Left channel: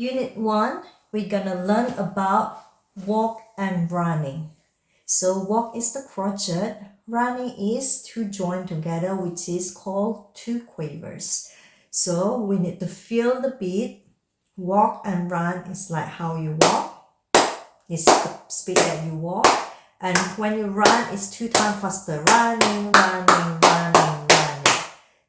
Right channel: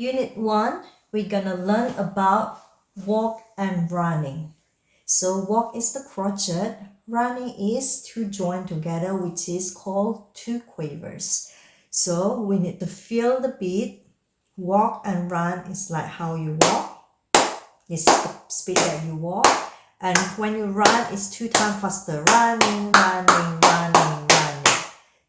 Unit 1, we're gonna learn about walk and running. So walk is the crochet, running is two joined together, which is called two quavers. So we need to feel the beat. Walk and run is like how you walk. It's the speed that you walk. And when you run, it's 2 times faster. Running, running, running, running.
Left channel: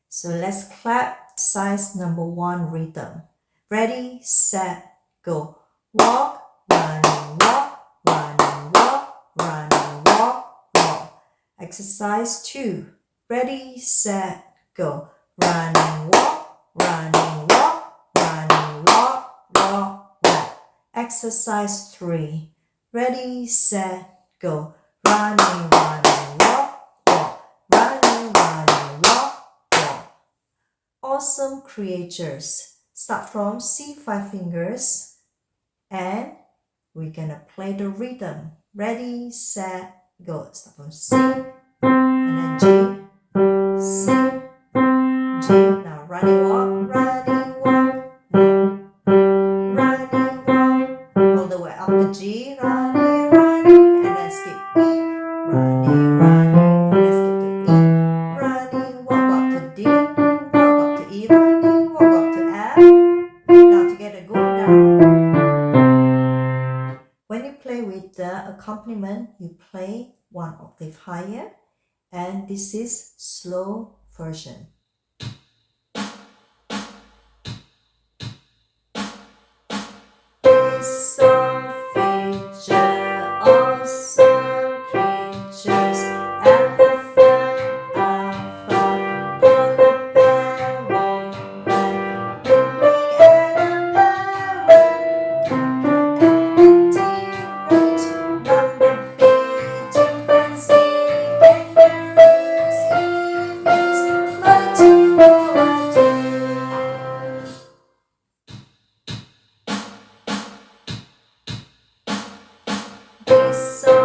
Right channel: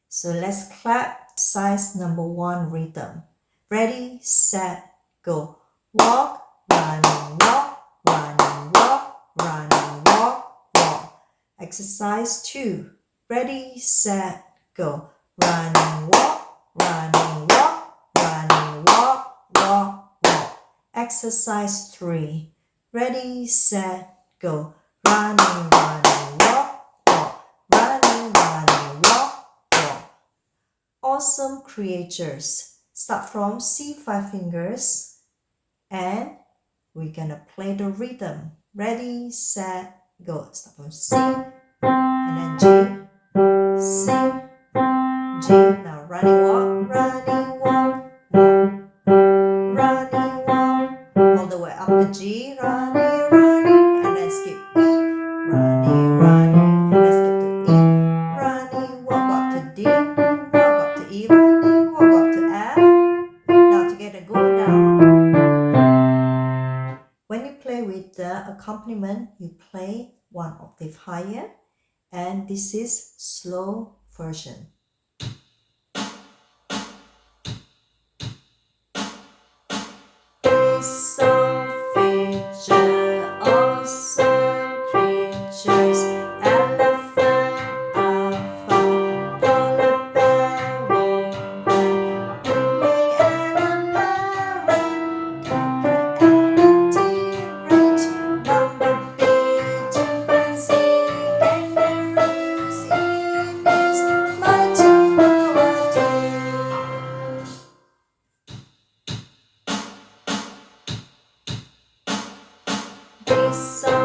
So let's clap. Exercise number 1 rhythm. Ready, set, go. Walk, running, walk, running, walk, running, walk, walk. Exercise 2. Ready, set, go. Running, walk, running, walk, running, walk, walk, walk. Exercise 3. Ready, set, go. Running, running, walk, walk, running, running, walk, walk. Awesome creatures. Start from C 5 fingers and we're gonna play the rhythm. Ready, set, go. Start from C and then G, C, G. Now running walk, running walk, walk, running walk. All the way up to G, running, running, and then skip E, running, running, and then skip to E, running, walk up to D, walk up to E, running, walk up to F. Now together, go down. When you play with the accompaniment, you play 1 octave higher, and this is slow version. Awesome feature, awesome creatures. Elephant, alpha, polar bear, penguin, and a parrot, and a T-Rex, bumblebee, chimpanzee, kangaroos, emus, marching for a tree. This song